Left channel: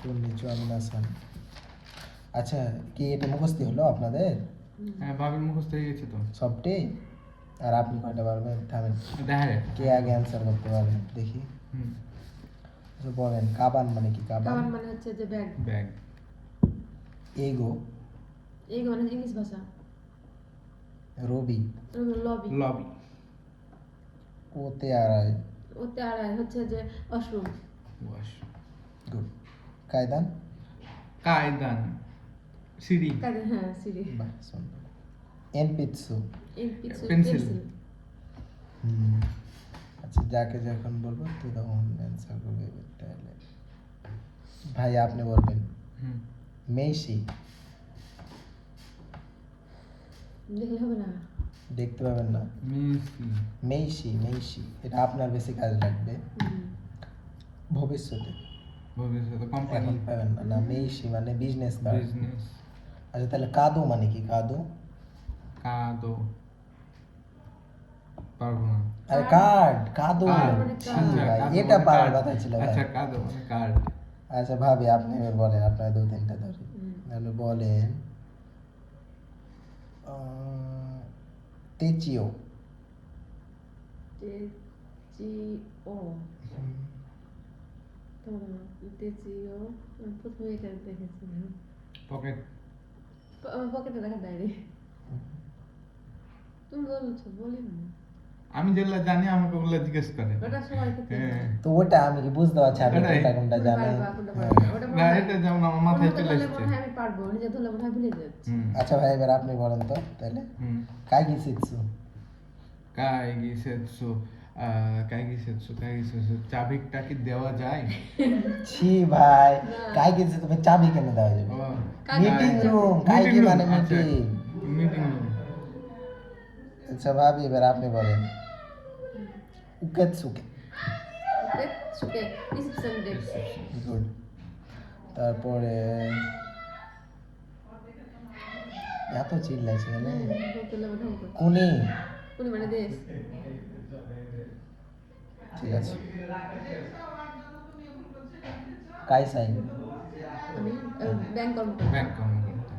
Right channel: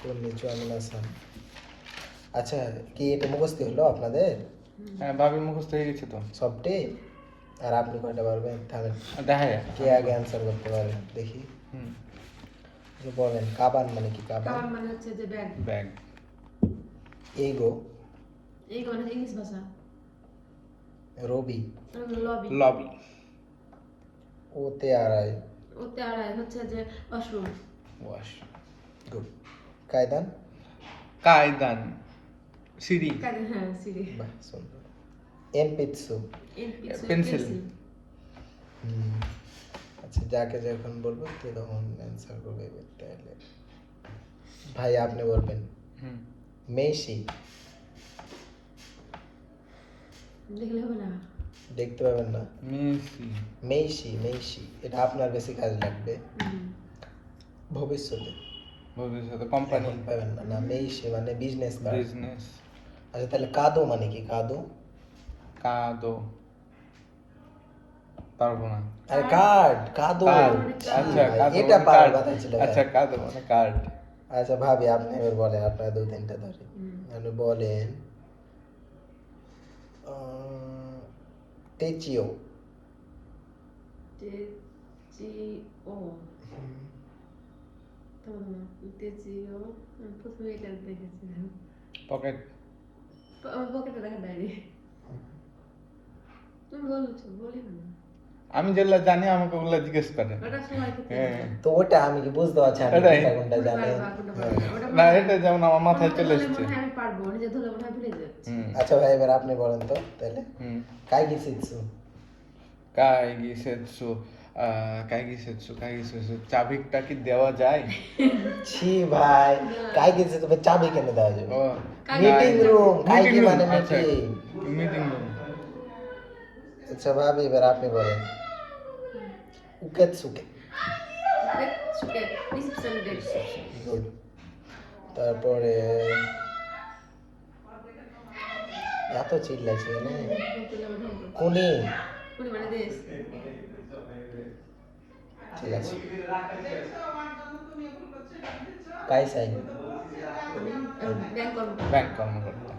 তন্নি চুয়ামিন আসান। আচ্ছা, কি এটা মুখস্থ হলো আপনাদের? হ্যাঁ, ভাবির মুখস্থ হয়ে গেছে তো সবটি। আর আপনি কয়টা পারবেন? থামেন, দেখা যায় কে আগে অ্যান্সার করতে পারে দেখি। বলেন, কাবান মানে কি? কাবান কাবান মানে হচ্ছে যে ব্যাগ। ব্যাগ। এইগো এইগো মানে ইংলিশ ভাষা। রবি লবি। লবি। ওতে আড়াই। ওতে আড়াই হচ্ছে যে ওয়াশরুম। ওয়াশ। গুড। কায়দান কায়দান সিঁড়ি। হ্যাঁ, সিঁড়ি। বাহ, সুন্দর। এনপিৎসু পেন্সিল। আচ্ছা, যাকে যখন বলবো তো তখন অ্যান্সার করবে। তাহলে ভাই আপনি বলবেন মেসি। দেখলে হবে না। দেখতে পাবেন না। মেসি। মেসি মেসি, এটা আপনার বেশি কাজ লাগবে ভবিষ্যতে। ভবিষ্যতে কোম্পানি। এখন পাবেন না। না, মেসি মানে বিজনেস কার্ড। বিজনেস। আচ্ছা, তাহলে কাদো মানে কি? কাদো কাদো পারবো না। আরে কার্ড, কাদো। আচ্ছা, কাদো এটা মানে পারার কার্ড। কথা ছিল ভাই। আচ্ছা, কাদো মানে কার্ড। আচ্ছা ভাবি, আপনি এবার বলেন, আপনার দু তিনটা ধরে আপনি বলেন। তেচিও। তেচিও। তেচিও প্রথমে এটা দেখেছি। পকেট। আমার পকেটে দেখা ডায়েরি। তুমি বলছো, বলি না। আমি যেগুলো জানি আমাকে ওগুলো জিজ্ঞেস করে। ওটা সবাই ক্ষেত্রে। হ্যাঁ। তো ওটা আমি কি বুঝতে পারছি আপনি এটাই। কোনটা কোনটা জানেন? না, এটা যেমন আমার মাথায় চলে এসছে। আমি পারবো, নিজে ধরে মনে হয় ভুলে যাচ্ছি। আচ্ছা ভাই, এবার আপনি বলেন তো তাহলে। কাই গিসিৎসু। কাই গিসেটসু চাবিটা কি দেওয়া যায়? ছি ভাই, কাই গিসিৎসু তবে চাবি কেন দেওয়া যাবে? ও, মিটিং রুম। কাই কি মানে আচ্ছা, মিটিং। Meeting room. আচ্ছা ভাবি, এবার আপনি বলেন। উকেতসুকে। সুকে রিসেপশন ডেস্ক। গুড। তারপরে এত চিল্লাইছে মানে কোনি। কোনি মানে দেশ। ঠিক আছে। কাইসাইন। ব্যাংক কর্মকর্তা। ব্যাংক কর্মকর্তা।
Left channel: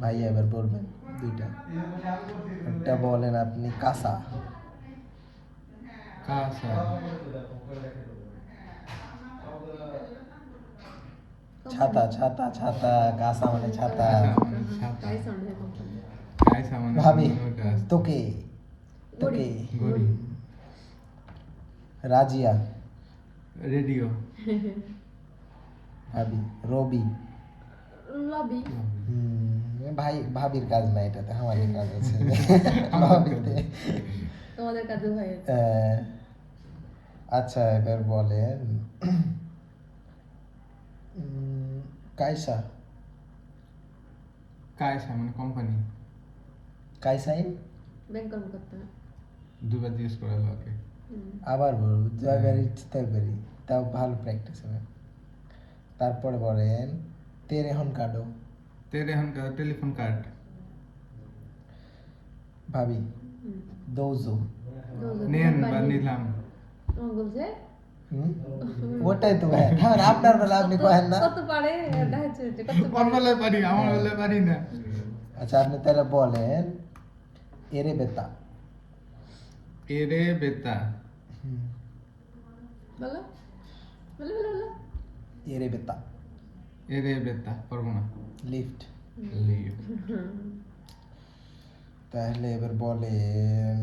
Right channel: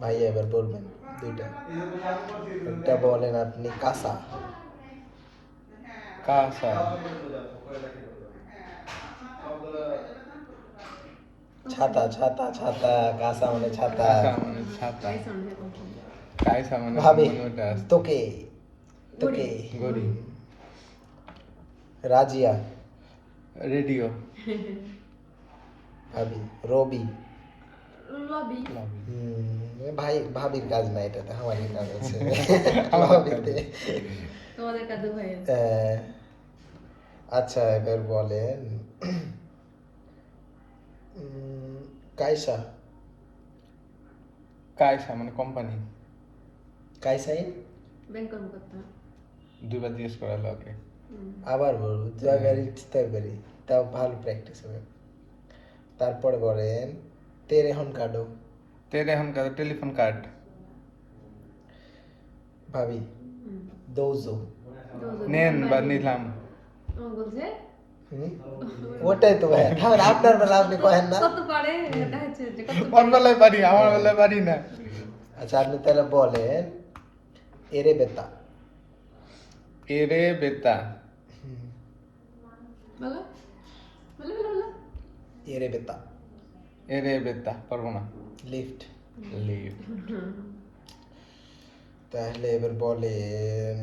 ভাই এবার বলবেন দুইটা। একটা বলেন আপনি কাসা। কাসা। ছাতা ছাতা ছাতা, কাসা মানে ছাতা। ছাতা। গাইস আমাদের কথা। কাইসা মানে ভাবি ওটা আছে। তোকে তোকে। ঘড়ি। রাজিয়া। রেডিও। ভাবি রবি। লবি। ভাই ভাবির কাজ না, এটাতে আমারই কাজ আছে। লবিতে। তোমাদের কাদু ভাই আছে। আচ্ছা, এবার বলেন কাইসা। কাইসা মানে কোম্পানি। কাইসাইন। ব্যাংক কর্মকর্তা। দুইবার জিজ্ঞেস করালো ওকে। আবার বলবো জয়গাড়ি তরকারি, তাও ভালো প্র্যাকটিস হবে। তারপরে বলেন তেরেহন কার্ডো। তেরে এখন কাছে টেলিফোন কার্ড। ভাবি দৌজো। নেন বা নিলাম। ও বলছে ওটাই তো ভাই, আপনার বেলা আপনি কহেন না। কত পারে এটা হচ্ছে যে কত ওর বেলায় পারি, আমার বেলায় পারি না। আচ্ছা, আপনি তাহলে বলেন এরে বেতা। এরে বেতা। বলো বলো বলো বলো। এরে বেতা। এরে বেতা পারবো না। লিফট। লিভ। তাহলে এবার বলেন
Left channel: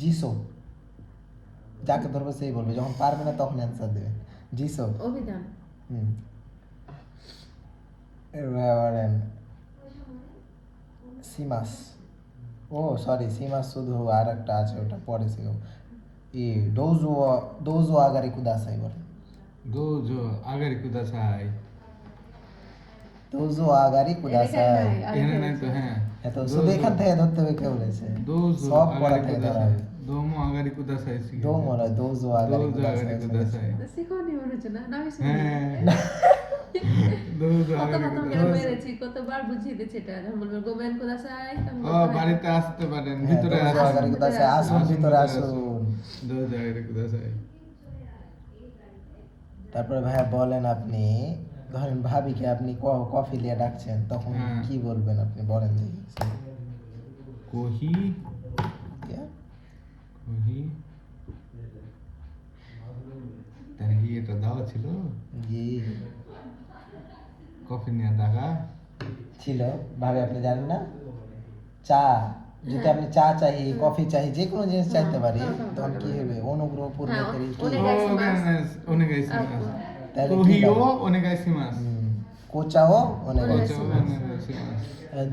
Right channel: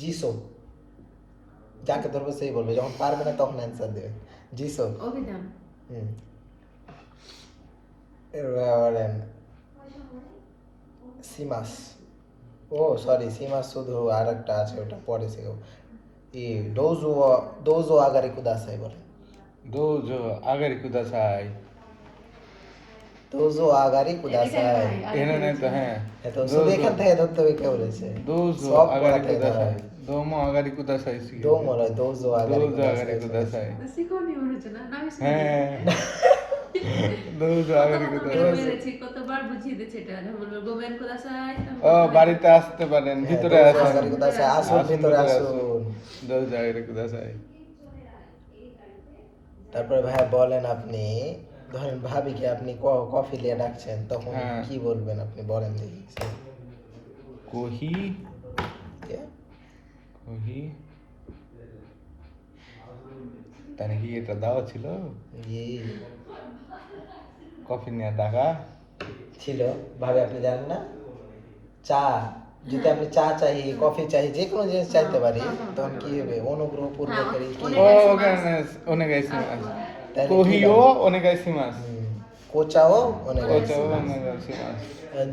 জিসো। যাকে ধরবে সেই বলবে, যখন পারবে না তখন অ্যান্সার দেবে। জিসো। অভিযান। এবার বলেন সিমাস। ও সরি, সিমাস শুধু আর একটা আছে, ওটা পরে শিখব। ডোজো ডোজো আগারি কুদাসাই বলে। দোজো আগারি কুদাসাই। ডোজো আগারি কুদাসাই। এখানে নাই তো। হ্যাঁ, এত শুধু এখান থেকে ধরতে হবে, কে বলেছে? দোজো সব পড়া আগারি থেকে ধরা কুদাসাই। হবে। দোমো আগারি কুদাসাই। দো মনে হয় ডোজো আগারি দোজো আগারি কুদাসাই। কুদাসাই। শিখোনি মনে হচ্ছে না, আমি শিখি। হ্যাঁ, দোজো আগারি কত কুদাসাই। মেরেছি, কতবার বুঝিয়ে দিচ্ছে এটা। যখন বলবো ven kudasai. ও বাড়িতে আসতে পারেন হ্যাঁ, ভিতরে দোজো আসুন আগারি কুদাসাই, আসুন ভিতরে আসুন। দোজো আগারি কুদাসাই। তারপরে ভাইয়া বলেন আপনি, ধরেন ভাবিকে আপনি কফি লিয়ে ডাকছেন, তখন হ্যাঁ। কি বলবেন আপনি বলেন দেখি। কোহি কে? কোহি তার কি এটা দেওয়া ছিল জি কফি নিয়ে ডাকা ছিল, ভাবে আপনি জানেন না? চা, যদি আপনি চা চাই, কফি চাই, যে কোনো জিনিস চাইতে পারি, তখন কি হবে? অনুগ্রহ পূর্বক কি ও ওনেগাইসিমাস তাহলে কি কোহিও লাগে? ওনেগাইসিমাস কোচাও অনেক কোচাও ওনেগাইসিমাস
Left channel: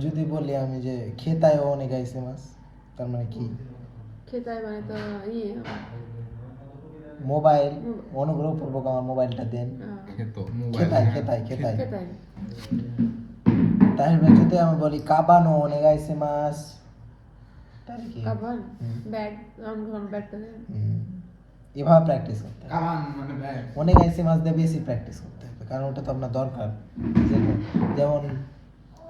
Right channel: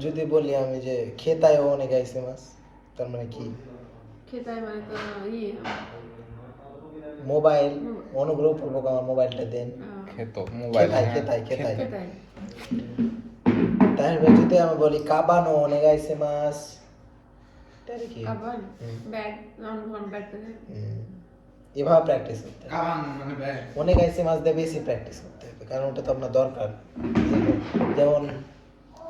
যদি বলি আমি যে খেতায়ও অনেক মাছ, তার মানে কি? Ketai মানে তো মোবাইল, অনুগ্রহ পূর্বক আমার মোবাইলটা দেন। খেতো মোবাইল খেতাই খেতাই খেতাই। ketai. তাহলে যদি আমি বলি কাবানো অনেক মাছ, তাহলে কি? Kapan? Bag, round bag to এভাবে প্র্যাকটিস করতে হবে। কামান মানে ব্যাগ অনেক মাছ দিয়ে বেশি প্র্যাকটিস করতে হবে, কারণ ওটা তো আপনার দরকার। যেমন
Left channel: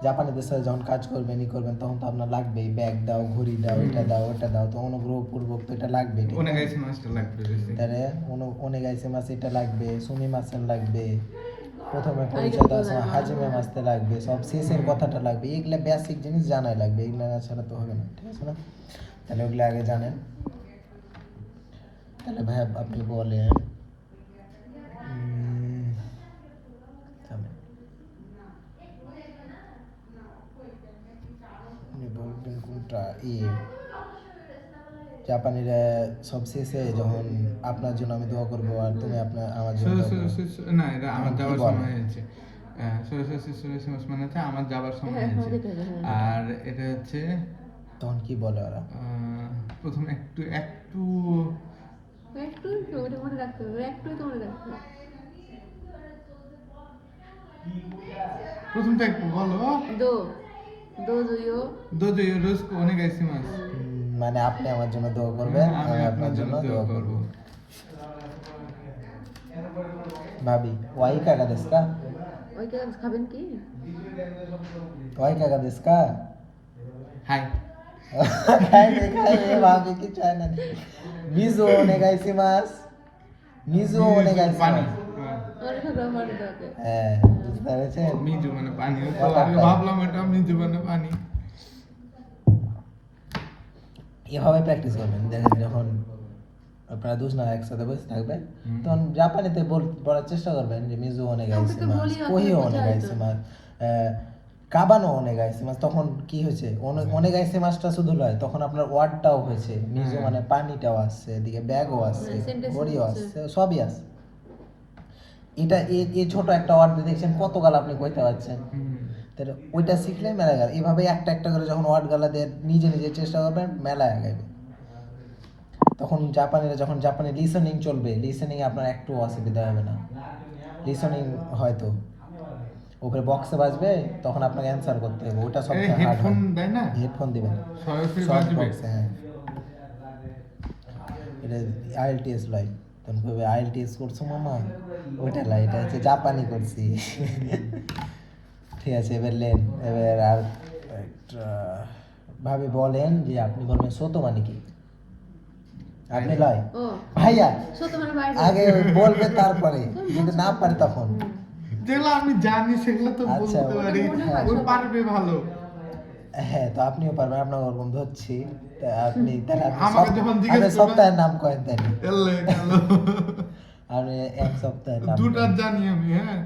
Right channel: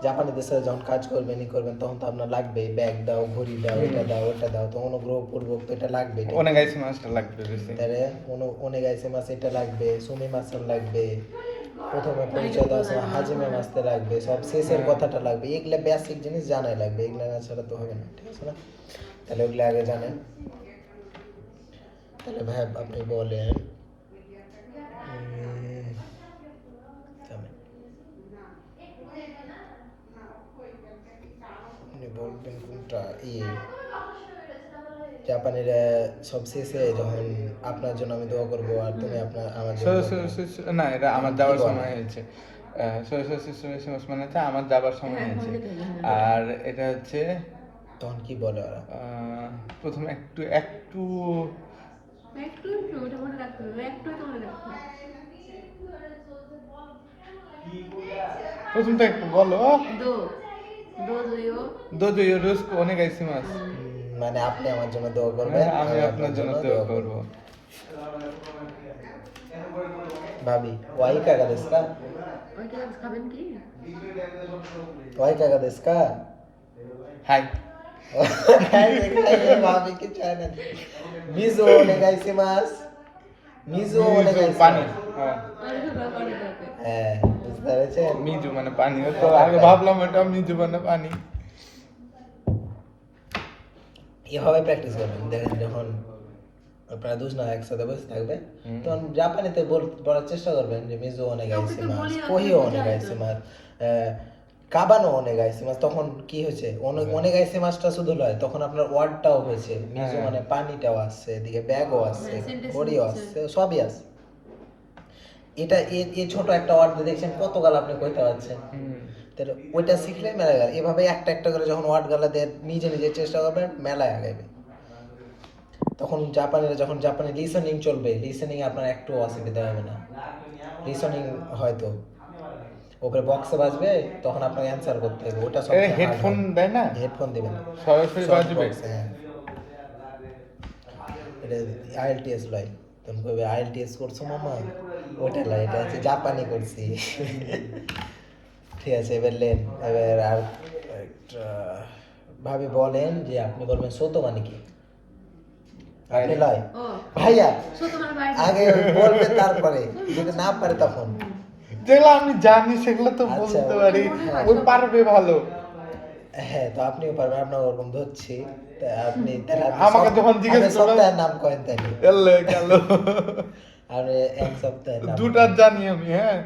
জাপানি দেশে যখন কাজ করবেন করবেন, তখন তো আপনার লাগবে ব্যাগ দাও, ঘড়ি দাও, এটা দাও, ওটা দাও, তো অনুগ্রহ পূর্বক তো এটা লাগবে। ওনেগাইসিমাসটা লাগবে বেশি তাহলে অনেক মাছ এটা লাগবে, সুমি মাছন লাগবে, প্রথমে পরিচয় দেওয়ার সময় হাজিমে মাছতে লাগবে, সব শেষের কথাটা লাগবে। এগুলা বেসিক জিনিস জানাই লাগবে, এগুলা না ছাড়া তো হবে না, ঠিক আছে না? তাহলে ওগুলো আগে জানেন। তাহলে ভাই আপনি বলেন জানেন। আপনি বলবেন কোনটা? জাপানির সব শেষে যখন আপনার জন্য আমি দোয়া করবো আর তুমি আপনার আমার জন্য দোয়া করবে। না এটা আমার যাবার কি বলে? সময় হয়েছে মানে হচ্ছে আমার যাবার সময় হ্যাঁ, হয়েছে। আমাদের জন্য, আর এটা হচ্ছে তখন কি বলে ওরা? প্রথমে একটু একটু একটু ওটা মনে রাখতে হবে, একটু তো মনে রাখতে হবে। প্রথমটা একটু বলো Do. Do yo. দোজো ইউরোস্কো ওনেগাইসিমাস মানে আপনি আমার জন্য দোয়া করবেন, হ্যাঁ, আমি আমি আপনার জন্য দোয়া করব। ভাবি ওয়াই কাগা দেশে কা? ওই কি খাবেন কি? ওয়াই কাগা দেশে কা? হাই খাই ভাবি কি চায় না। মিজো ওনেগাইসিমাস, মিজো পানি ওনেগাইসিমাস। হ্যাঁ ওটা তো মানে যাবে। হ্যাঁ, বুঝতে পেরেছেন? মিজু মানে পানি তো আগে ভাবলাম এটা মিজু মানে পানি এভাবে প্র্যাকটিস করবেন, দেখেন যখন আপনারা দুজন একসাথে বসে থাকবে, তখন জাপানিতে বলার চেষ্টা করবেন যে মিজো ওনেগাইসিমাস, বলি, কোহিও ওকে ওনেগাইসিমাস, কাবানো ওনেগাইসিমাস। তখন কি হয়েছে? ওনেগাইসিমাসটা শুধু নয়, তখন আপনার ওয়ার্ডটাও হয়েছে, মিজো মানে পানিটাও আসছে, এদিকে ব্যাগও আসছে, sentence ঘড়িও হচ্ছে। আসছে, সবই আসছে। এটা এই ছোট একটা ওয়ার্ড দিয়ে দেখছেন কতকাল আপনি কইতে পারছেন। তাহলে ওইটা শিখলে মেলা গেল। এভাবে একটা একটা করে যখন ওয়ার্ড গালা দিয়ে নিজে নিজে চেষ্টা করবেন, মেলায় আগাইবে। তখন যখন জাপানি লিসেনিং চলবে, লিসেনিং আপনার একটু অসুবিধা হবে না। লিসেনিং হয়তো ওপরে বক্সে বাজবে, তখন আপনাকে অ্যান্সার করতে হবে, ওটা সব হেডফোন দেয় না হেডফোন দিবে না, সরাসরি সব বাজবে বক্সে। হ্যাঁ, এটা আইএলটিএস লয়, তুমি কইবে আইএলটিএস করছো মামা, ওটা লয়, এটা হচ্ছে জাপানি করছি। ঠিক আছে, এবার লেন, এবার আর একটা ভাবে বলেন যে আপনি বলবেন সোতো মানে কি? আপনি লয় ও ভাইয়া সত্য মানে বাইরে। আগে বলবে, তারপরে যদি না পারে তখন। যেগুলো আমি জানি সেগুলো তো আচ্ছা, বলতে পারি, হ্যাঁ। ওই পারবে ভালো। হ্যাঁ, তো আপনিও পারবেন, আপনার ওরকম ধরছি। তা আপনি তাহলে আপনি আমাকে যখন জিজ্ঞেস আপনি করবেন- সপ্তাহের নাম কয়েন তাহলে, এলে গেল আপনি এক সপ্তাহের নাম দুটা জানি আমি, হ্যাঁ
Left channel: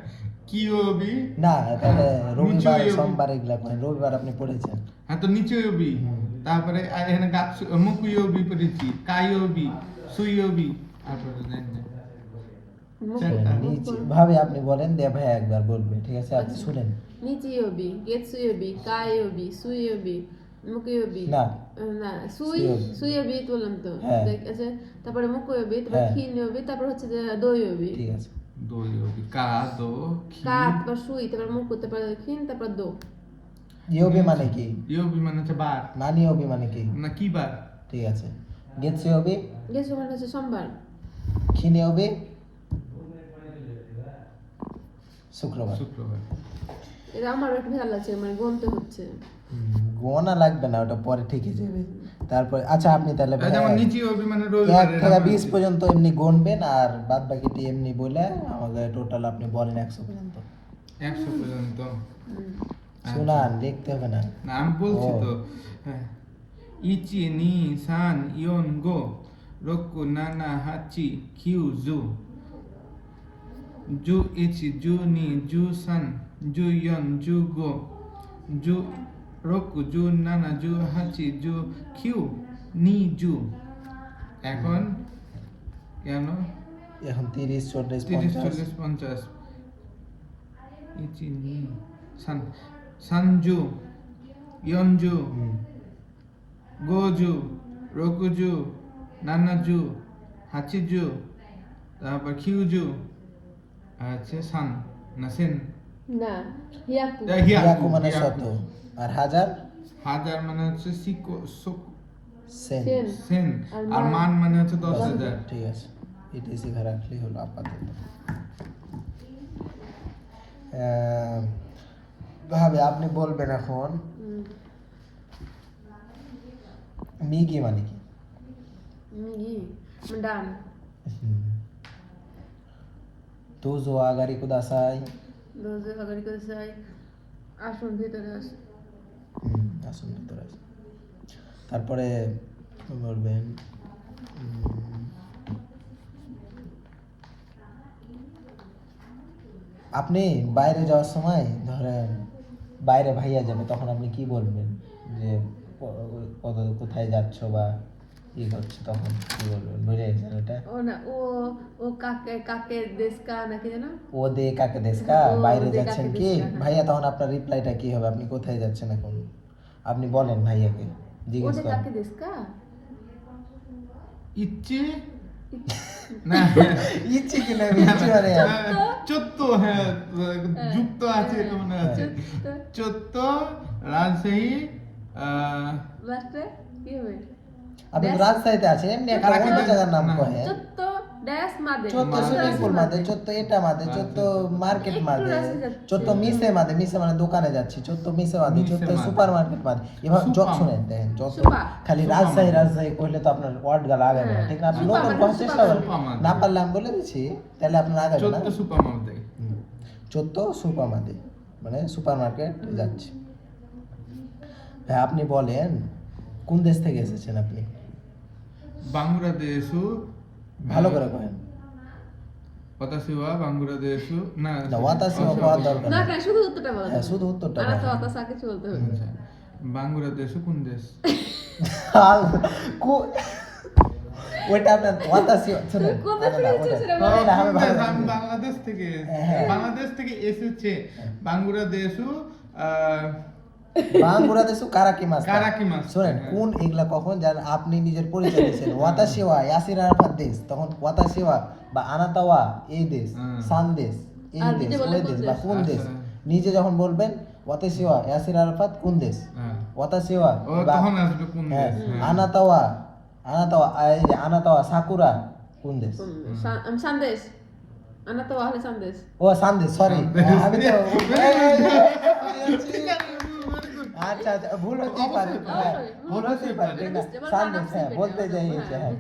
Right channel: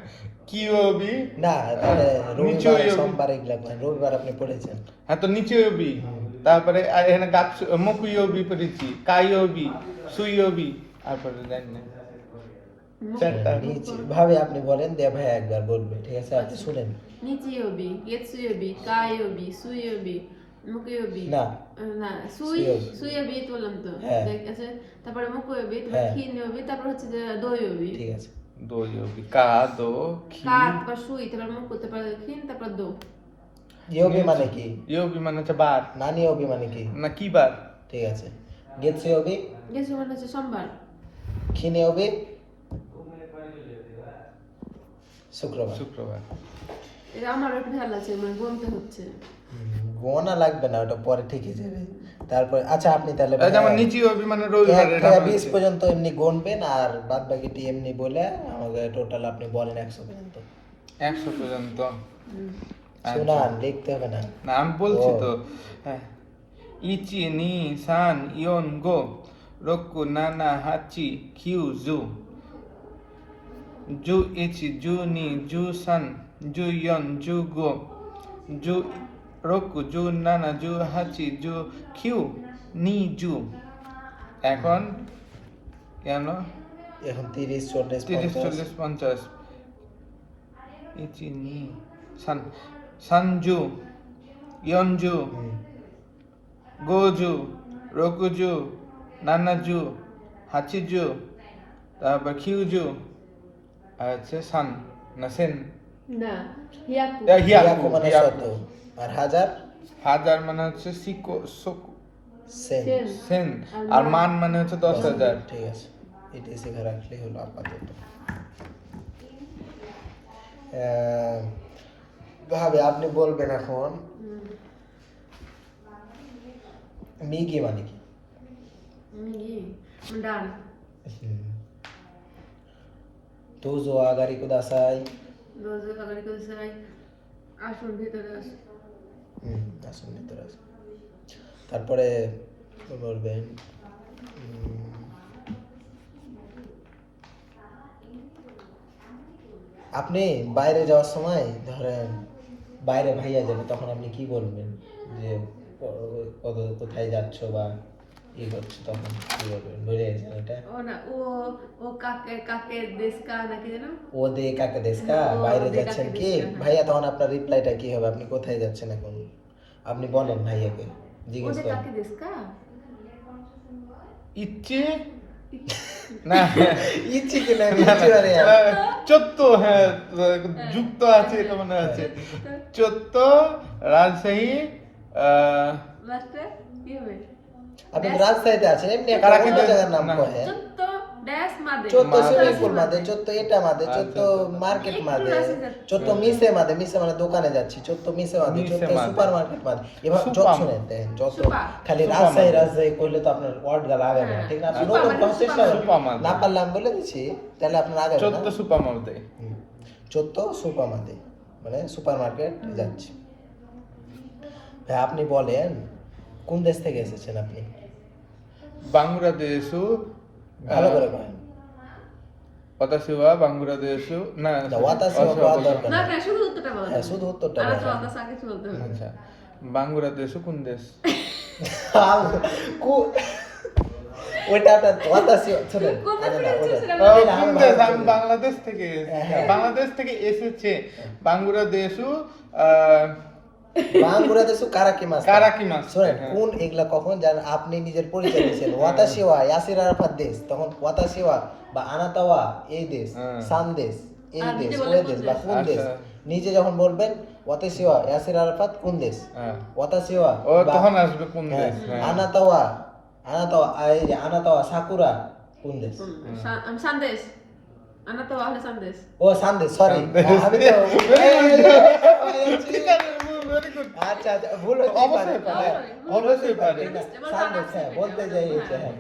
কিওবি না, তাহলে রবিবার নিচয়ই সোমবার এগুলা কয়েন। রবিবার আপনি পড়েছেন। হ্যাঁ তো নিচেওবি, তারপরে এখানে গাছ মুকুইওবি পড়েছি, কাইওবি, সুইওবি, তারপরে জানি না চারটা। নিচে ভাবে আপনি বলেন, দে ভাই একবার বলবে, ঠিক আছে? আপনি শুনেন। নিচিওবি, গেটসুয়োবি, কায়োবি, সুইয়োবি, মুকুয়োবি। না। না, সুইয়োবি। সুইয়োবি তো বললাম তো। হ্যাঁ। ঠিক আছে, তারপরে মুকুয়োবি, তারপরে হ্যাঁ। খিনিয়োবি, তারপর হচ্ছে যে দইয়োবি। ঠিক আছে। দোয়োবি কা দো খি কা, তারপর সুই, তারপর মুকু, তারপর খিন, তারপর দো। ইয়োবি মানে কি? ইয়োবি মানে হচ্ছে বার নানি ওবি মানে কি? না কি বার, ঠিক আছে। গেছে ওবি, গেছো মানে হচ্ছে সোমবার। খিনে ওবি, শুক্রবার। শুক্রবার। এটা আমার একটু ভেজাল আছে, মানে গুনতে হচ্ছে। গোনা লাগবে না, ওটা পরে ঠিকই যাবে। তারপর আচ্ছা আপনি তাহলে যেমন নিচে হবে মানে 1 রবিবারে থেকে 20 পর্যন্ত এমনি গুনবেন, আর বাদ বাকিটি এমনি বলে আমাকে টোটাল আপনি বলেন 100 পর্যন্ত। 100 পর্যন্ত। শুনান, লিখতে হবে না। না আমি বলছি ও। তো। হ্যাঁ। ইচি নি সান ইয়ন গো রোকু নানা হাচি কিউ জু জু ইচি জু নি জু সান জু ইয়ন জু গো জু রোকু জু নানা জু হাচি জু কিউ নি জু। এখন কেন এখন 30, 40, 30 50। 40 50 ইচি নি সান সানজু ইয়নজু হুম। গোজু রকুজু নানাজু হাচিজু তারপর কিউজু আর হচ্ছে সান না সেন না হিয়াকু হিয়াকু মানে 100, আর হাজার হাজার মানে হচ্ছে সিকো সোকো সেন। সেন। সেন আর মান মানে হচ্ছে 10,000। ঠিক আছে, এটাই শিখে রাখলেই হলো আপাতত। ভাবে আপনি বলবেন এখন মিগি মানে কি? মিগি ডান তুজো আগারি কুদাসাই। দরজা কালারি করে যাই আসুন ভিতরে আসুন আসুন ভিতরে আসুন। তারপরে বলবেন আপনি বাইরে যাওয়ার সময় ধরেন বাইরে ভাইয়া যাবে, তখন আপনি কি বলবেন যে কোথায় যাচ্ছ বা কি করছো, তখন কি বলবেন? ভুলে গেছেন এটা? ও না ও ও কাকের দেশকা নাকি জানো ও দে কাকে দেশকা, ও বাইরে দে যাচ্ছেন কাকে কি দেশকা। ভাইয়া, তখন আপনার রিপ্লাইটা কি হবে? আপনি কোথায় যাচ্ছেন এখন আপনি বলেন ভাইয়াকে, জিজ্ঞেস ওদের করেন। কাকে দেশকা ইচ্ছে না ইচ্ছে কি না ইচ্ছে মানে চত্ব, হ্যাঁ যুক্ত আছে এটা মনে আছে। চত্ব রাজশাহী লাস্টে কি হবে আপনি তো রাজশাহীতে আছেন, এমনি একটা অন্য জায়গার নাম না। কহে। চত্ত ড্যাশ মাদে চোদ্দ মাদে। সুইমিং পুল মাদে, চোদ্দ এটা মাদে, চোদ্দ মার্কেট মাদে, চোদ্দ মিসে মাদে, মিসে মানে দোকানে যাচ্ছি, চোদ্দ মিসে মাদে, মিসে চোদ্দ মাদে। সুপার মার্কেট মাদে। এভাবে যত সুপার শুনেন দেখেন, যত সুপার। খালি সুপার রাজশাহী মাদে। রাজশাহী করলে তো আপনার ওয়ার্ড গাল আগে না, ঠিক না? আপনি সুপার নতুন মাদে, করার চেষ্টা করেন, সুপার মাদে। না পারলে আমি বলে দিচ্ছি, তাহলে আপনার আগে না। চত্ব সুপার মালতে চোদ্দ সুপার মাদে মানে সুপার মার্কেট যাচ্ছি। ভাই আপনি বলেন কোন দেশ থেকে এসেছেন আপনি? বাংলাদেশু ভালো করে করেন। ওয়াতাসিওয়া বাংলাদেশু না না, ওয়াতাসিওয়া পাওয়ার দরকার না নেই। কেন শুধু উত্তরটা বলো হ্যাঁ, শুধু উত্তরটা আর বলেন। তো অত সাকে চলতে হবে আচ্ছা বাংলাদেশু কোন দেশ? ওইটা আপনার ওয়াতাসি শুনেন, আরে না ওটা এটা আমি ভালো করে বলি। বাংলাদেশ থেকে হ্যাঁ। বাংলাদেশ থেকে এসেছে বাংলাদেশু বাংলাদেশে কারাকিমাস। কারাকিমাস। শুনেন, হ্যাঁ। কোন এগুলা কখন যান আপনি নিজের পরিচয় দিয়েছেন, ওয়াতাসিওয়া ইয়াসির আরাফাত দেশ, তখন ওয়াতাসিওয়া বা আনাতাওয়া এই দেশ, হ্যাঁ। সান দেশ এই আর দেশ, নিজে ওই বলেন দেশ কোন বা দেশ? কোন দেশ, আচ্ছা। নিজে যখন বলবেন ওয়াতাসিওয়া ইয়াসির আরাফাত কোন দেশ, হ্যাঁ। ওয়াতাসিওয়া ও বা তখন আসবে কোন হ্যাঁ, দেশ? হ্যাঁ। আনাতাওয়া আনাতাওয়া এই যে আনাতাওয়া সাকুরা কোন দেশ? সন্দেশ আনা তো আহলে সন্দেশ ও সান্দেশ, সরি আমি তো আচ্ছা আচ্ছা ভুল হতেই পারে, হ্যাঁ ভুল হতেই পারে, ঠিক না? সন্দেশ, হ্যাঁ বলতে যাই হয়েছে, হ্যাঁ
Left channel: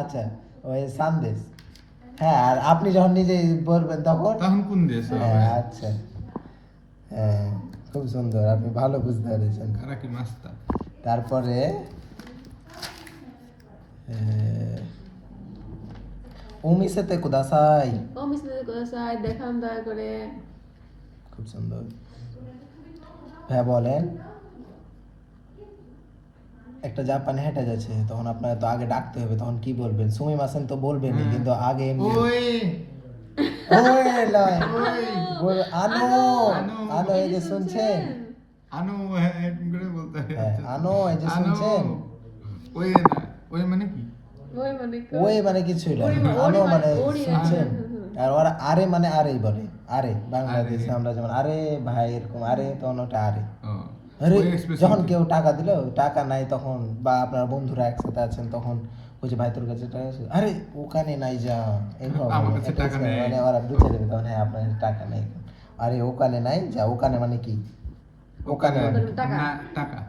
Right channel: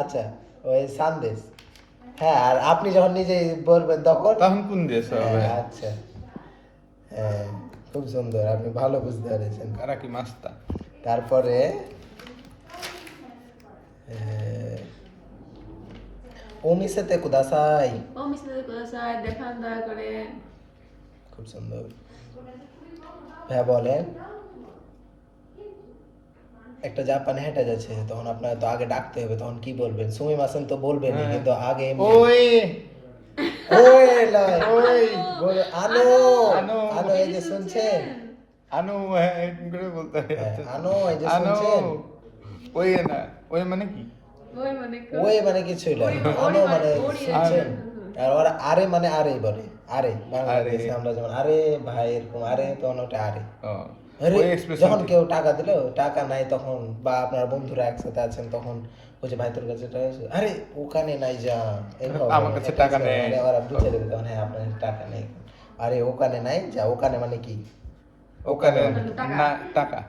আচ্ছা ওই সন্দেশ। হ্যাঁ, আর আপনি যখন নিজে বলবেন তখন তখন কোন দেশ হবে? হ্যাঁ, আচ্ছা হ্যাঁ খুব সুন্দর, আপনি ভালো বুঝতে পেরেছেন। কারাকি মাস্তা তারপরে ওমিসেতে কুদাসাই, ও মিস্টার কোদাসাই দেখান দয়া করে খুব সুন্দর। হ্যাঁ বলেন, একটা জাপানি হেঁটে যাচ্ছে, তখন আপনার তো আগে ডাকতে হবে, তখন কি বলবেন? সুমি মাসেন তো বলবেনই, হ্যাঁ। কিন্তু আগে এমনি ওই ওই লয় ওই বল আনো আনো। আনো, এই যে শুনছেন, আনো হ্যাঁ করে বলতে হয়। হ্যাঁ, আনো এই যে আনো। শুনছেন, ওই না ওই মানে কি? ওই মানে ওই মানে কিছুই নয়, ওই, আনো ওই মানে ওই, শুনছেন, আর ওরা আরে মানে আরেই বলে, আরে বাংলাদেশে আরে। আমরা যেমন আরে ভাই এরকম আরে, তখন ওটা আরে। ও আরে ওই expression যখন টি। কেউ টাকা দিল, টাকা নাই তখন, বা আপনার বন্ধুরা একসাথে আছেন, তখন বলছে ভাই তোর কাছে টাকা আছে? আরে ওখানে নাই যা, এইভাবে আমার কাছে একটা টাকা expression, নেই। মানে ওরা বুঝে দেবে তখন, হ্যাঁ আপনার কাছে টাকা নেই। আরে ওখানে নাই যা, ওখানে মানে কি? ওখানে টাকা। না টাকা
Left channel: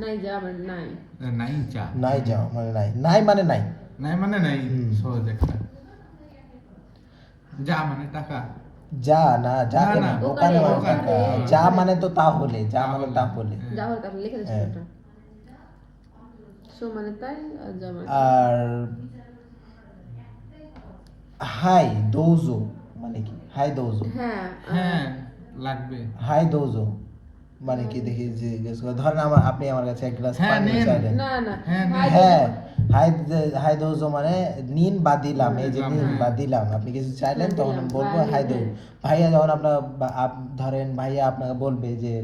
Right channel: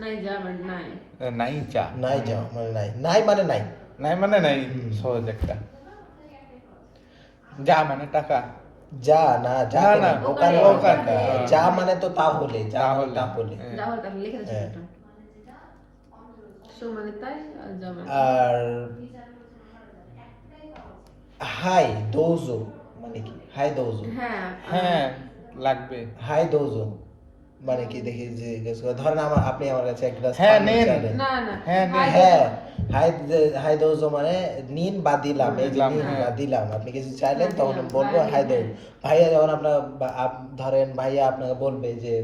নাই যাবেন নাই নাই চা নাই যাও মানে নাই, নাই মানে নাই। নাই মানে নাই হুম। সহজ একটা যা মানে টাকা যা না, যা না, কেন না, ওখানে হয় ওখানে, টাকা। ওখানে। যা মানে তো তাহলে, যা মানে তাহলে। হ্যাঁ। যা হলে তাহলে লিখে হ্যাঁ। দিচ্ছি সো মানে তাই আর যা মানে আর হাই দৌজো মানে কি? হাই দৌজো, হ্যাঁ হ্যাঁ লাগবে হাই দৌজো মানে কি দেখি জিজ্ঞেস করে, ধরেন আপনি আমার কাছে এক গ্লাস হ্যাঁ, পানি নিন। চাইলেন। না না হ্যাঁ, হাই হ্যাঁ, হাই হাই দৌজো মানে নিন বা দিলাম, এই যে দিলাম, নিন হ্যাঁ। বা দিলাম, আপনি কিছু চাইলেন হ্যাঁ, তখন দিলাম, আমি বলবো হ্যাঁ, হাই হ্যাঁ। দৌজো। ভাইয়া যখন আপনার ধরেন ভাইয়া আপনাকে বলবে যে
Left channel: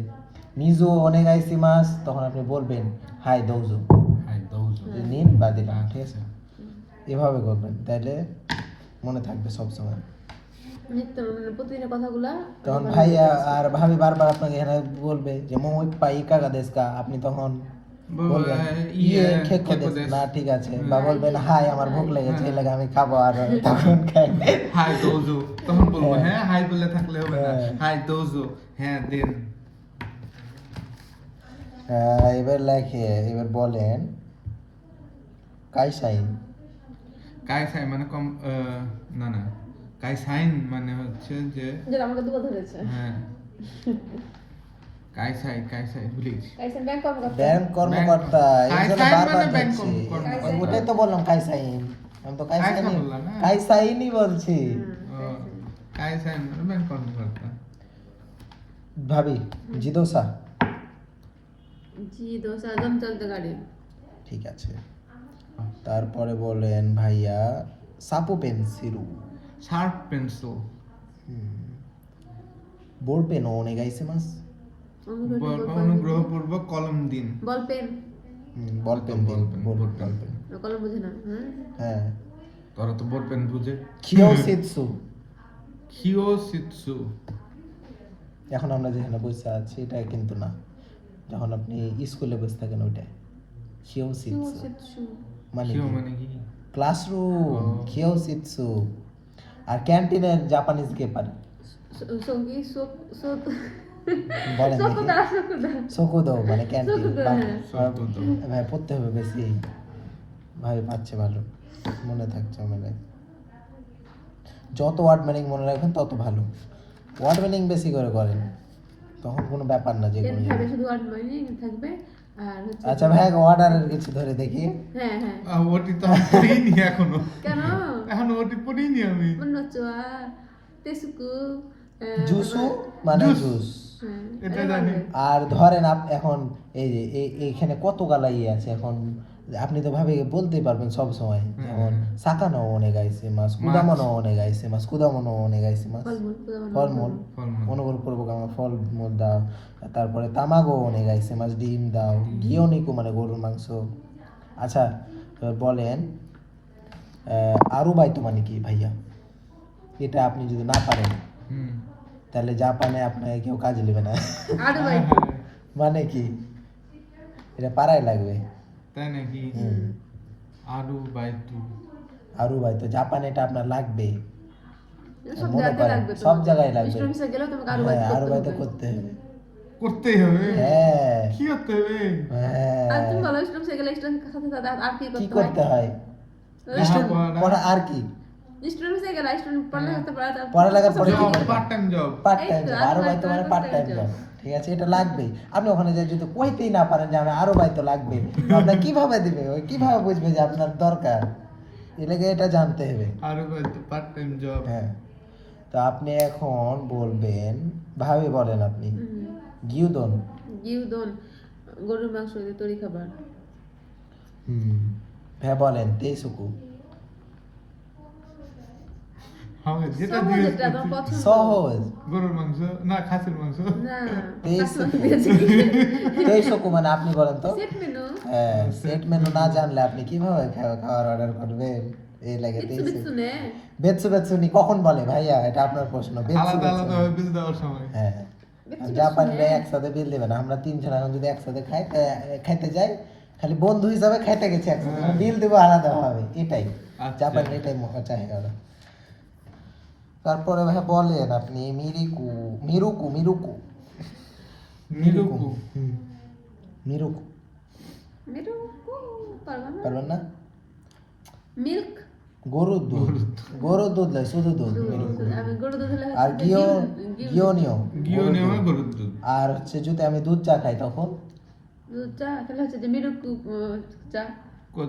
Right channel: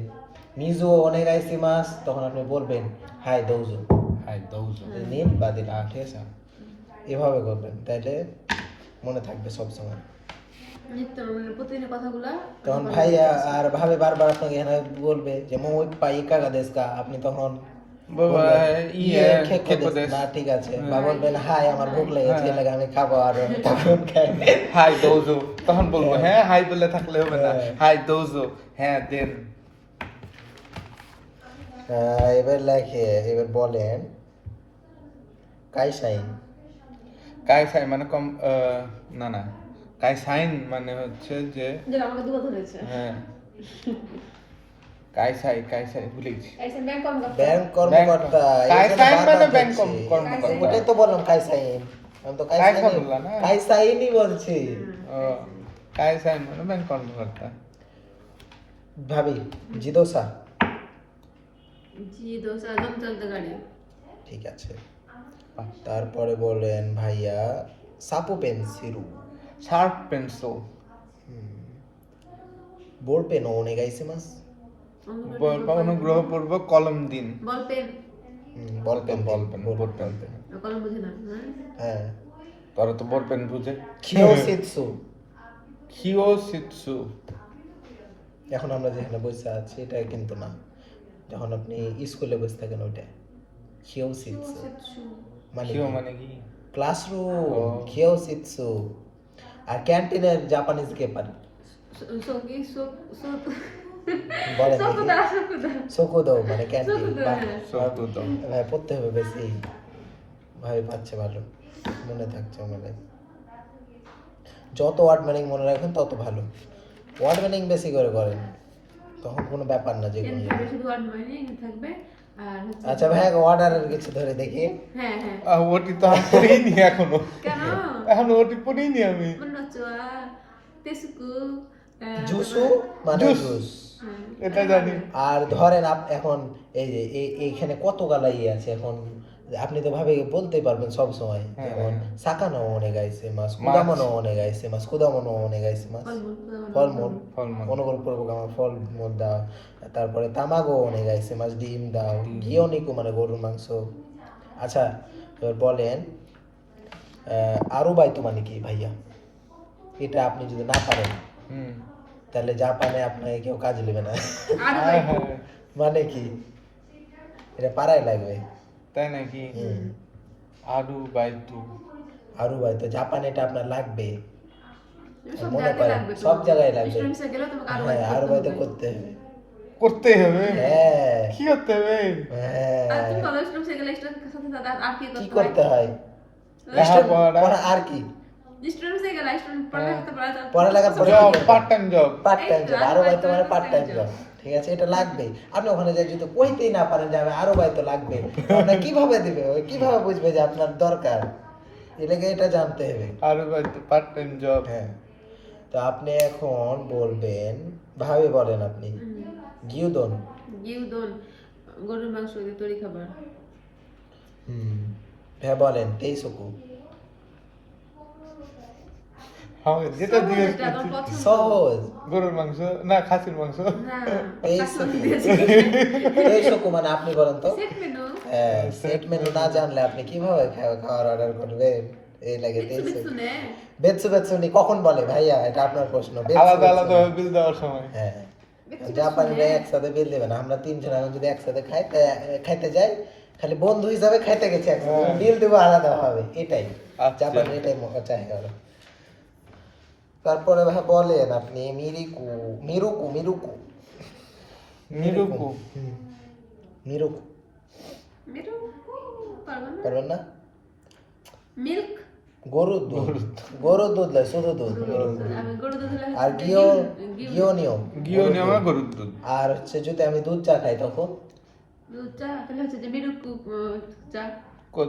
মিজু ওনেগাইসিমাস, তখন আপনি বলবেন হাই দৌজো, হাই দৌজো নিন বা দিলাম, ঠিক আছে? এভাবে করবেন, তাইলে মনে থাকবে সব সময়। নিত্য প্রতিদিনের কথাগুলো তখন ভাইয়া আর ভাবি বারবার আপনাকে এখানে বলবে যে মোই পাই কাগা দেশকা, আপনি তখন বলবেন ইয়ে খেকো দেশ না, ঠিক আছে, বা বলবেন হাই আমার ভুখ লেগেছে এই লাগে আমি খাবো, আর তখন খাই। হাই দৌজো তখন বলবো হ্যাঁ। হ্যাঁ হাই বলে থাকলে হবে না হ্যাঁ। হাই দৌজো হ্যাঁ দেন এবার লেখে, এবার বলেন কাইসাইন। কাই সাই মানে কম না না কাই সাইন মানে হচ্ছে যে যেটা আমাকে দুটো ধরেছে হ্যাঁ কাই সাই ভুলে গেছি ऐसे मैं कौन करता ব্যাংক কর্মকর্তা, এই জন্য কাইসাইন বারবার মানে ব্যাংক ধরছি। কর্মকর্তা। ওটাই তো বললাম কাইসাইন, আমি তো কাইসাইন বললাম না। কাইসাইনই বলছি। ও কাই সাইন মানে ব্যাংক কর্মকর্তা ভাবি জিদোসা, जी दोसा दम चलते गाड़ी ঠিক আছে। তারপরে বলেন ভাইয়া সাপু পেন্সিলু, শার্প পেন্সিল বোর পেন ওনেগাইসিমাস, অনুগ্রহপূর্বক কলম দিন ball pen ball pen, ball pen, ball ball pen. Pen. कलम मुझे ना हाँ হ্যাঁ, তোরা তো বল পেন বুঝে কিওসিৎসু, কিওসিৎসু এখন আমরা যেখানে বসে আছি এটা কিন্তু না, যখন আপনি স্কুলে বসে থাকেন ওইটা কিওসিৎসু মানে কিও মানে কি ক্লাসরুম, ও। কিওসিৎসু। আর ক্যান্টিনের জাপানিজ কে পারে सोगी सो सो বলেন দেখি। सोकुदा सोकुदा সোকুদো মানে ক্যান্টিন। সোকুদো, বাহ, হ্যাঁ। সোকুদো। ভাই পড়তে হবে বেশি, ভাই পাচ্ছে ভালো, মনে থাকছে মানে। যত ওয়ার্ড মিনিং মনে রাখবেন তত ভালো, ওয়ার্ড মিনিং বেশি করে করেন, তখন কোনো ব্যাপার না যে पेन কোনো থাকবে জিনিস। শুধু আর মানে থাকবে আর হচ্ছে আচ্ছা ভাই অর্ডারের কিছু ধরে দেখি। হ্যাঁ হ্যাঁ ওটি তো আমি পড়িনি এখনো কেন এখনো ওটি পড়িনি আমি মনে হচ্ছে তেসুকু জুসু মানে জুস। জুস। এটা জানি। আর ধরেন এখন এই যে এইখানে কত গালা ইয়ে আছে, এখন আপনি তো ভাবে বলতে পারবেন সব সময়, হ্যাঁ, যেমন হ্যাঁ। সাকানো অনে গাইছে মাস, কুদামনো অনে গাইছে মাস, কুদামনো অনে গাইছে মাস, ফলমূল ফলমূল। অনুগ্রহপূর্বক আমার ফলমূল দাও। তারপরে তামাগো অনে গাইছে মাস, ডিম দাও। গিওনিকু মানে গরুর মাংস। আচ্ছা এবার বলেন আরু বাইতো মানে কি ভাইয়া? এটা আপনি যদি না পারেন হুম তাহলে জাপানে আপনাকে কেউ কাজে নেবে না। আর হ্যাঁ, হ্যাঁ। মানে কি এটা পাড়ায় লাগবে। তাই নাকি হুম। আরু বাইতু আরু ভাই তো জাপানে এটা আপনার লাগবে, সব মনে জায়গায় করেন লাগবে সব জায়গায় লাগবে। স্টুডেন্টসে গেলে তোমাকে আরো হ্যাঁ আরু ভাই তো করতে হবে। করতে হবে। করতে হবে হ্যাঁ কি করতে হবে আর তুমি হ্যাঁ, বলো স্টুডেন্টসে গেলে স্টুডেন্টের সাথে সাথে আর কি কি করতে হয়? লেখাপড়া। Student পড়া আর কি? স্টুডেন্টসে গেলে স্টুডেন্ট পড়ালেখা পড়ালেখার পরে কি জব করবে? Part time job part time এই তো, জব। আরু আরু ভাই ভাই তো তো মানে part part time time job, job। ঠিক আছে, এটা লাগবে। আপনি ওখানে যাই যদি কইতেই না পারেন যে আমি আরু ভাই তো লাগবে, তো আপনার কিভাবে দিবে, ওই কিভাবে বুঝবে যে আপনার দরকার? এলাকে এটা জানতে হবে। আরু বাইতু পার্ট টাইম জব হ্যাঁ, তো আপনি এখন বলবেন, ভাবে বলেন আপনি গিউদন। গিউদন গরুর মাংস দিয়ে তৈরি খাবার হ্যাঁ বলেন তেইসুকু। হ্যাঁ যেটা দিয়ে যেটা আমার পছন্দ। সহজ। গরুর মাংস না খাসির মাংস না তেইসুকু, তেইসুকু মানে আপনি বলেন তো। সেট মেনু হ্যাঁ, সেট মেনু না জানলে আপনি কিভাবে খাবার অর্ডার করবেন? এই লাগে বিটসু তেইসুকু। বিটসু নে বেতসু বেতসুনি কখন বলে ভাইয়া? এটা আপনার প্রশ্ন। বেতসু আলাদা আলাদা বেতসুনি। বিল দেওয়ার সময় হ্যাঁ, বেতসু জাপানিরা বেতসু নে। একসাথে বিল দেবে না। আমরা তিনজন এখন যদি একসাথে খাই খাইতে যাই, খালি বন্ধু হিসাবে খাইতে গেছি একসাথে, হ্যাঁ। বিল দেবো আলাদা হবে, এটাই আচ্ছা। জাপানি, এটাই চাহে ওরা। তারপরে ভাই বলেন আপনি মিরিকু, মিরুকু, মিরুকু মিরুকু মিরুকু মেরু পারবো না পারবেন না? মিল্ক গরুর দুধ দেয় শুধু দুধ মিরুকু। আমি গরু দুধ হলে আর গিওনিও গিও নেওয়া গরুর দুধ। আর হচ্ছে যদি আমি দুধ চা খাই তখন দুধ চা তাহলে হচ্ছে যে মিরুকু চা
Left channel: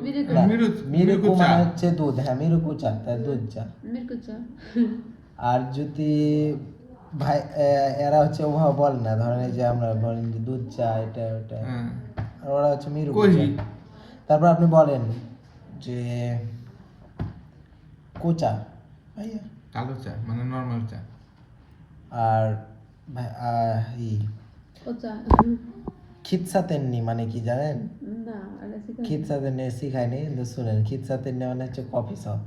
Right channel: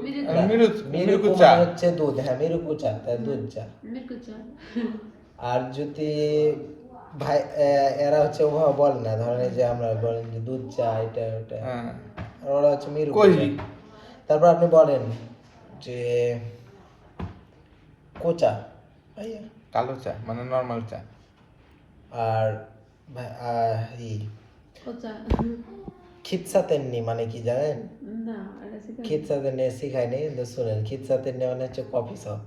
মিরুকু না, মিরুকু মিরুকু চা। মানে হচ্ছে দুধ, হ্যাঁ মিরুকু চা তাই দুধ চা। মিরুকু চা আর যদি ভাই এরা হচ্ছে ওভাবে বলে না, ধরেন এই যে আমরা বলেন যে দুধ চা এটা ওটা, হ্যাঁ আর ওরা হচ্ছে মিরুকু কই? চা। তারপর আপনি বলেন যে কোচা ভাইয়া, কালো চা মানে নরমাল চা। আর ও চা খিৎসা তেন্নি মানে কি জানেন? না এটা শিখে খিৎসা তেন্নি শিখায়নি কিন্তু শুনেন, খিৎসা তেন্নি মানে হচ্ছে কফি শপ।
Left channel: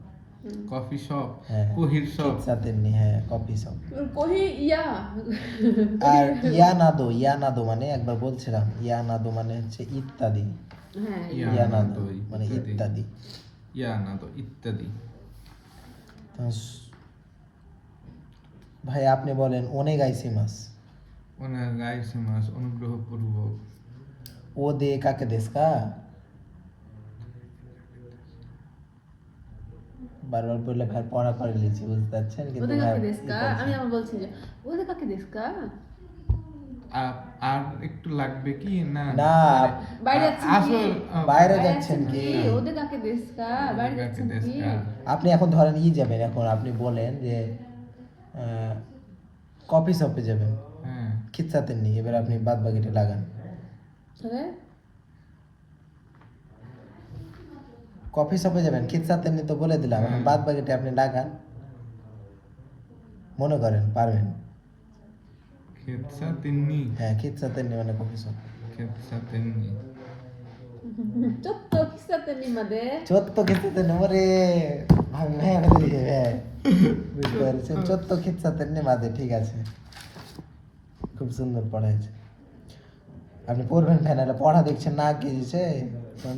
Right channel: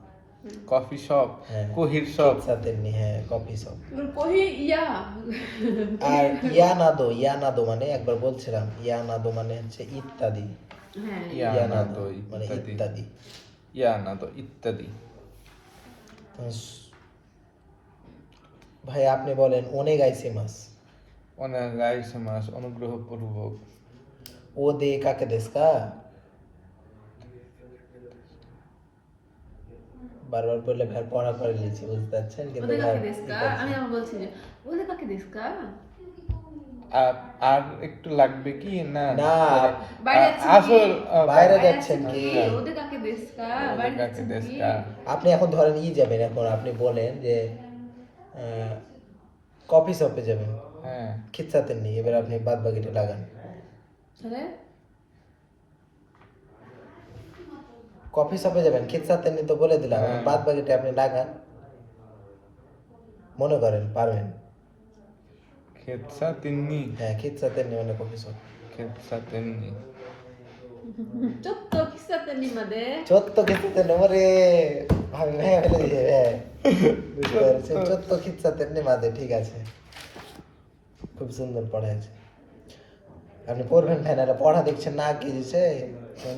কফি শপ, হ্যাঁ কোহির শপ। খিৎসা তেন্নি, হ্যাঁ কফি শপ। কহি ইয়া আর ইয়ানাদো মানে একবার বলছিলাম, ইয়ানাদো মানে হচ্ছে ইত্যাদি, হ্যাঁ ইয়ানাদো মানে ইত্যাদি। ইয়ানাদো ইত্যাদি। তো ভাই আপনি বলেন ওনেগাইসিমাস, ওনাগাইসিমাস অনুগ্রহপূর্বক। ও দে কাকে দেশকা, বারবার বললে ভাই পড়া করে লিখছি বুঝতে পারছেন, কিন্তু ওদের ভাই কাকে দেশকা আমি আবার বলছি যে ওদের কাকে দেশকা আর একটু লাগবে কি? না না, বাইরে যাচ্ছেন কি? আসল বাইরে যাচ্ছেন কি? ওদের কাকে দেশকা ওদের বাইরে কাকে যাচ্ছেন কি দেশকা? আপনি এখন ধরেন যাবেন, এখন আপনি বলেন যে কফি শপে যাবেন, হ্যাঁ খিচ্ছাতেন নি, এবার আপনি বাদ বাকিটা লাগান। তাহলে কফি শপে যাবেন, খিচ্ছাতেন নি তো বলে দিলাম, হ্যাঁ। বাদ বাকিটা আপনি লাগান, মনে করেন পারবেন। খেতসা তিন্নি, হ্যাঁ খিচ্ছাতেন নি মানে কফি শপ। খেতসা তিন্নি। চত্ব কিসাতে নিমাদে চোদ্দ খিচ্ছাতেন ওরে ভাবি ভাই ফেলে দিয়ে, হ্যাঁ বুঝতে পারছেন, চোদ্দ খিচ্ছাতেন নি মাদে, ঠিক আছে, খুব সুন্দর পড়া আছে। আপনি পড়বেন ভাই, না পড়া দেখছেন না কি দিছে,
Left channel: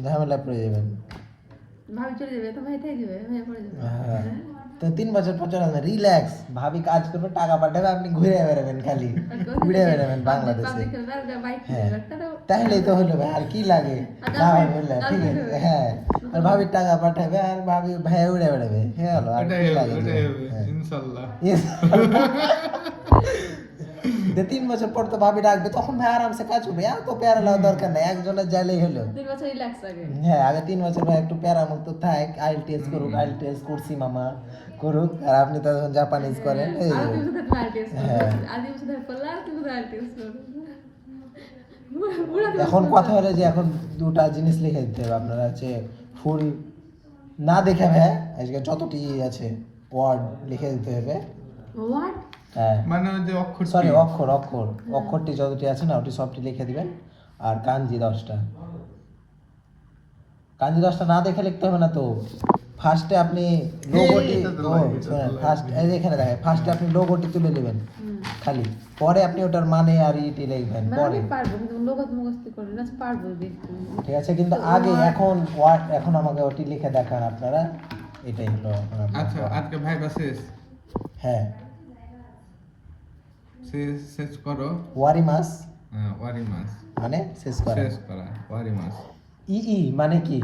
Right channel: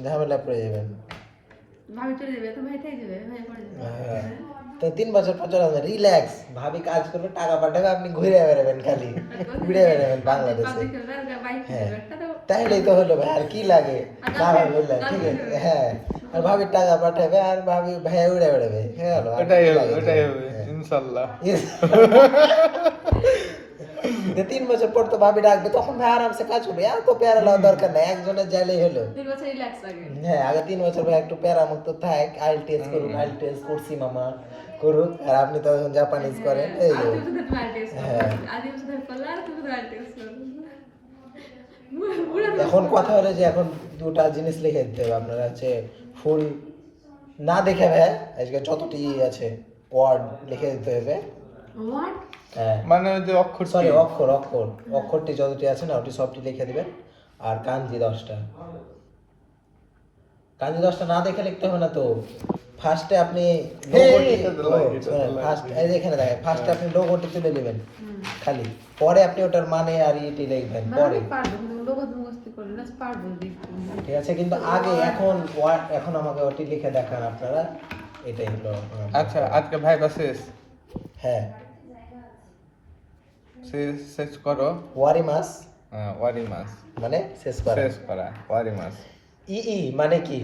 ঝামেলা পড়ে যাবেন। ভাবি চলে যাবে তো ভাই থেকে যাবে ভাই পড়ে যাবে হ্যাঁ। তো 3 বছর পর চলে যাবেন, রিল্যাক্স, ভাবি কাজ করবে টাকা পাঠাবে, আপনি ঘুরে বেড়াবেন, খালি ঘুরে বেড়াবেন বাংলাদেশে। হ্যাঁ তাহলেই তো হলো ভাই, আর কি লাগে? না ভাই বললেন ঠিক আছে, হ্যাঁ আর ভাবির টাকা পাঠাবে আর ভাবি ভাই উড়ে বেড়াবে, হ্যাঁ হলো, আর ওটাই কি হবে, লাগে? ওটাই হবে হ্যাঁ। ইনশাআল্লাহ। 3 বছর পর তো ভাবি ডাকবে, তখন ভাই আরামসে কাজ করবে, আর তো প্যারা লওয়ার দরকার নাই, একজনের জালেই হলো। 2 বছর রিল্যাক্স লাগে হ্যাঁ আগে 3 বছর ভাই একটু প্যারা মুক্ত থাক, আইএলটিএস করুক, আইএলটিএস করছি মামা করুক, আর আপনি তো এখন জাপানিজ করেন, এই যে। হ্যাঁ। এখন কথা হলো যে এখন দুটা জিনিস লিখে দিতে হবে আপনারা, হচ্ছে ফুল না দেখে ভাই আজকে যতটি আছে ওয়ার্ড লিখে দিতে হবে। হোয়াট হ্যাঁ মানে ওই যে অক্ষর সরি অক্ষরটি যতটি আছে না ওটি সবটি লিখে দিবেন। আর কাঞ্জি 10টা, কাঞ্জি 10টা না দেখে লিখতে হবে না তো। ফার্স্টে আপনি লোগোটি, এটা তো লাগে, এটা তো লাগে। ফার্স্ট এই যে এখানে দেখেন, ফার্স্টে আপনি লোগোটি তুলে নেবেন খালি, পরে আপনি ওটার মানে আর ইটি লিখবেন পরে, পারবো কিন্তু লোক মুখস্থ করে না পারবো দেখতে ঠিক আছে, কিন্তু আগে এখন ওয়ার্ড, এখন আমাকে ওটি লিখে দেখান আপনারা, এটাই হলো এখন আমাদের আচ্ছা কাজ। আজকে ভাইবা শেষ, হ্যাঁ শেষ করো। ওয়ারি মাস ওয়ারি মাস মানে শেষ করা, শেষ করা, ওয়ারি মাস। ই মানে কি?